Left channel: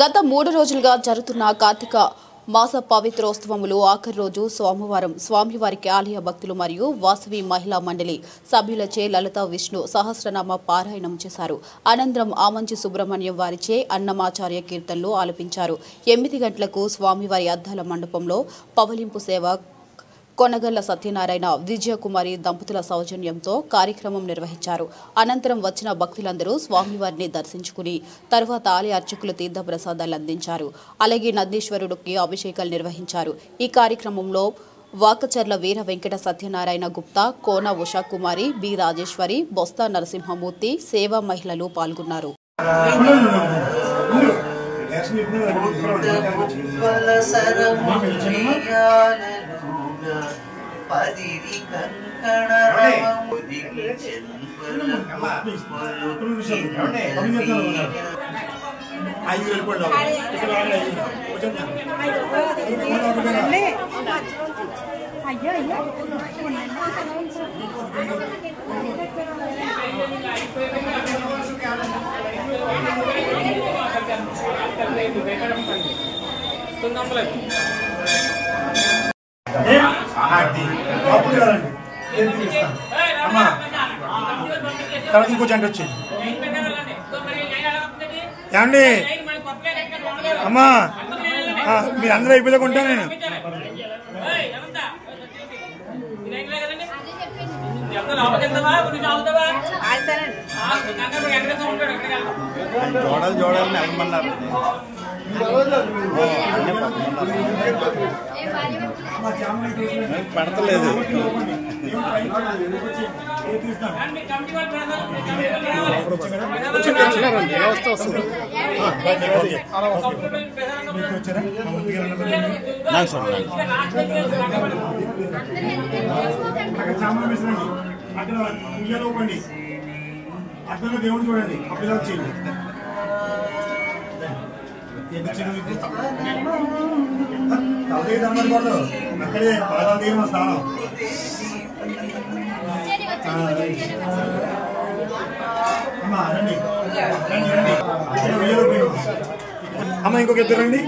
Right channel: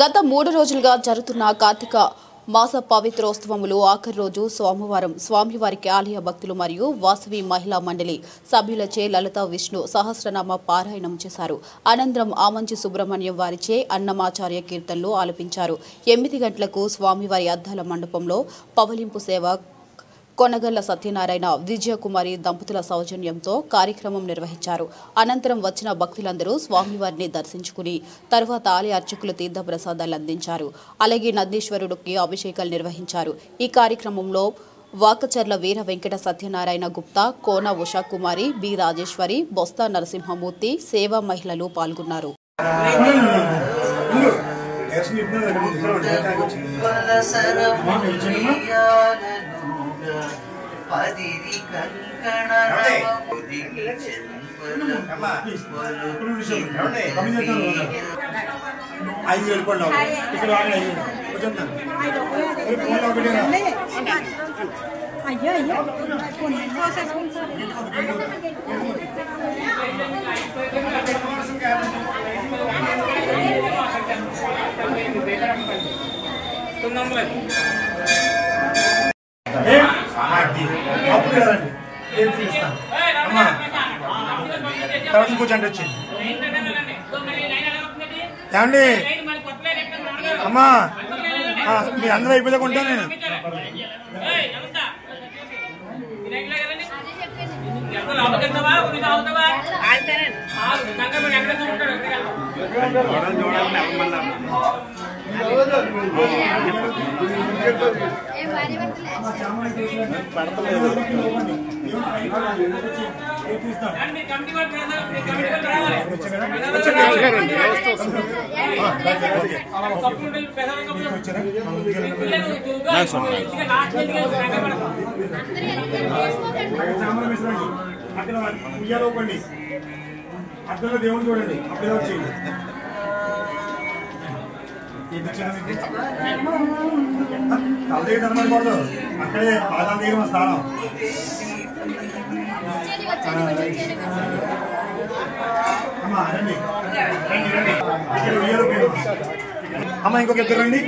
గత 3 రోజులుగా జరుగుతున్న కార్తీక మాస పవిత్రోత్సవములు ఆఖరి రోజు సోమవారం స్వామివారికి ఆలయ భక్తులు మరియు వాసవి మహిళా మండలి సభ్యులచే లలిత విష్ణు సహస్రనామ పారాయణం చేశారు. అనంతరం ఆమంచి సుబ్రహ్మణ్యం వారిచే అన్నమాచార్య కీర్తనలు ఆలపించారు. 8 గంటలకు స్వామివారి అద్దాల మండపంలో పవలింపు సేవ కొనగల్ల సత్యనారాయణ విజయకుమారి దంపతుల సౌజన్యంతో కార్యక్రమం నిర్వహించారు. అనంతరం వచ్చిన భక్తులందరూ స్వామివారిని దర్శించుకుని తర్వాత ఆలయ అర్చకులు తీర్థ ప్రసాదాలు అందించారు. అలాగే నందీశ్వరుడికి అభిషేకాలు నిర్వహించారు. ఈ కార్యక్రమంలో వాకచర్ల వీర వెంకట సత్యనారాయణ గుప్తా, కోన ఉషాకుమారి, బి రాజేశ్వరి, బొస్తా నరసింహమూర్తి, సేవా మహిళలు పాల్గొన్నారు. అప్పుడు కదండి ఏం తీస్తాను అమ్మా తర్వాత ఇంకో జంట వచ్చింది ఏమండి అమ్మా మీరు అందరూ అయిపోయాక ఉంటాను నేను పడతలేదు అక్కడ ఉయ్యాలో పండి అద్దంలో దేవుడు చూడండి అప్పుడు ఇలా వచ్చేయండి. తలదే కనబడకూడదు అక్కడే పాదాలు దిగిన స్థానం. అమ్మా రండి రండి రండి ఇక్కడ ఉయ్యాలో పోయి అమ్మ ఇంకొక ఇద్దరు రండి.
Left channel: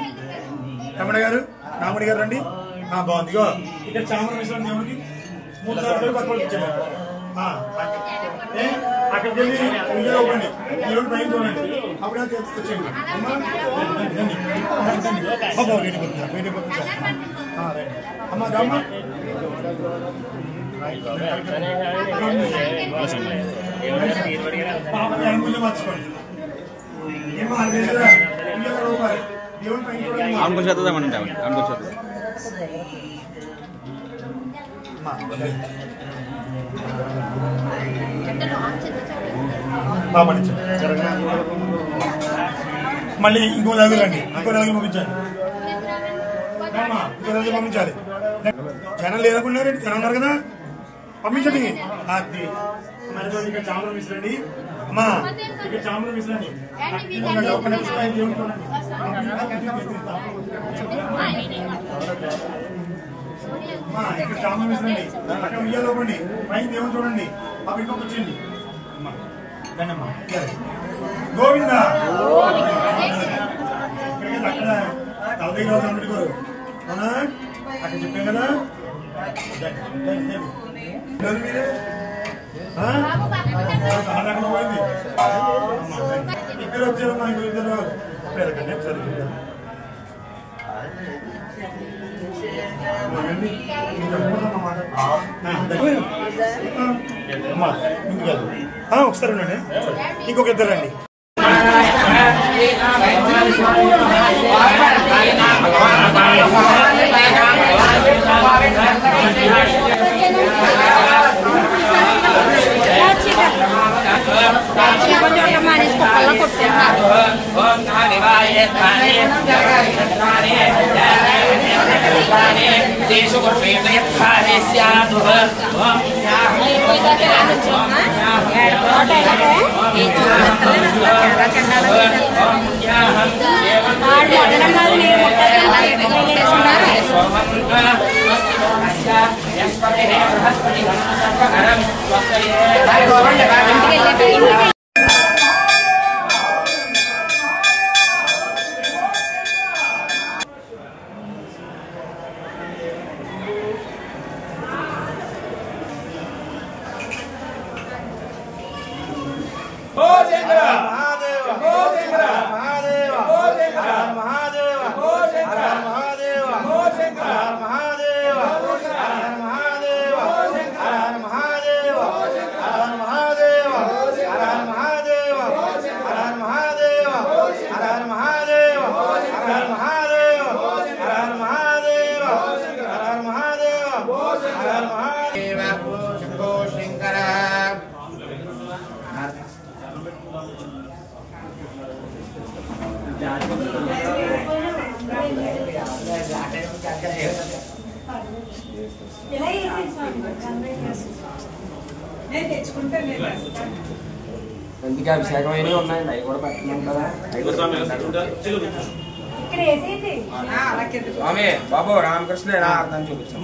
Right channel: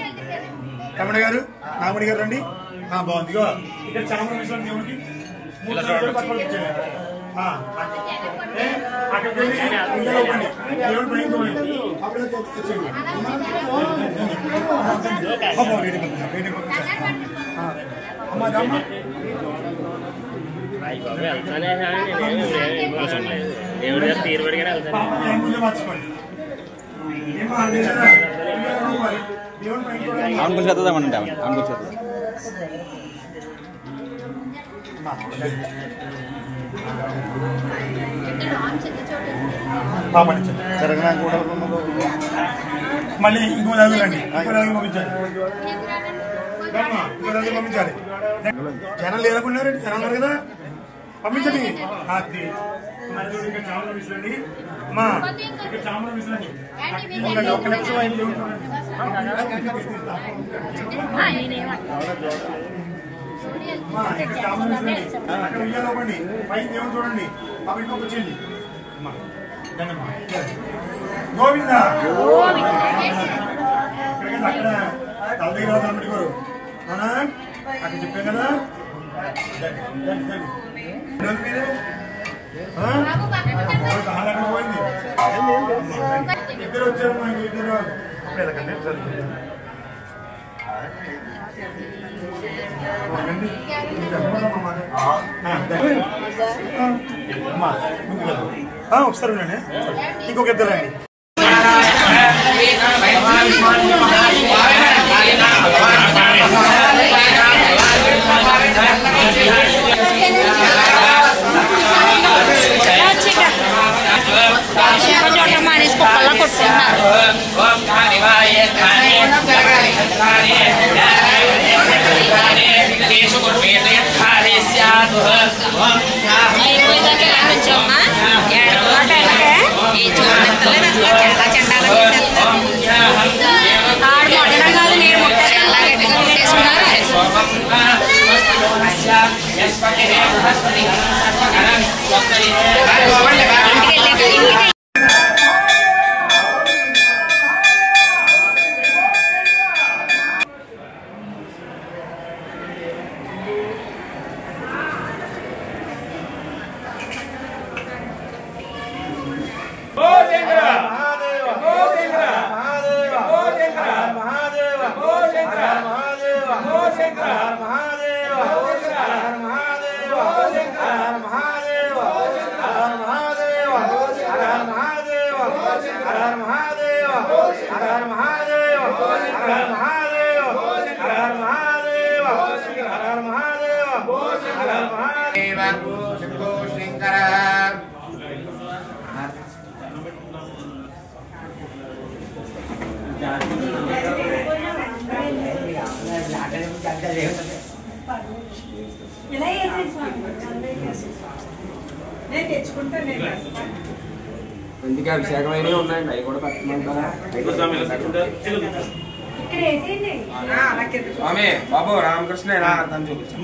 తమ్ముడు గారు నామడి గారు రండి. బాగుంది ఇగో ఇక్కడ చామర విశ్రాంతి దేవుడికి 3 సార్లు పక్కన ఇచ్చేయండి. అక్కడికి వెళ్ళి ఉయ్యాలో పండి దేవుడు పైన చూడండి అప్పుడే వచ్చేయండి. అమ్మా దమ్మ కొంచెం చదువుదామంటే కొంచెం మళ్ళీ ఇంకో రోజు రండి ఇంకో రోజు పంపించాలి ఇంకో రోజు పంపించాలి. జనం లేదనుకున్నారు జనం ఉన్నారు కదా పంపించండి. ఇక్కడ చామరం విసిరండి అమ్మా ఇక్కడ చామరం విసిరండి. ఒక్క నిమిషం ఇక్కడ చామరం విసిరండి అక్కడ ఉయ్యాలో పండి పైన దేవుడు చూడండి అప్పుడు ఇంకొక వచ్చేయండి. గోవింద ఇక్కడికి అక్కడ తల దగ్గర అమ్ముడుకోరు అవునా అక్కడ చెప్పాను కదా. అక్కడ పోయింది ఇద్దరు వచ్చారు మా ఇద్దరు ఒకసారి ఉండండి ఇంకొక ఇద్దరు రండి. మానేసి కుక్కల్లా కొట్టుకుంటున్నారు. ఎందుకు అభిషేకమైనవి ఉన్నాయండి, అవి కూడా పెట్టమంటారా? స్వామి బాబు రామకృష్ణ ఎలా అర్థం చూపించాం.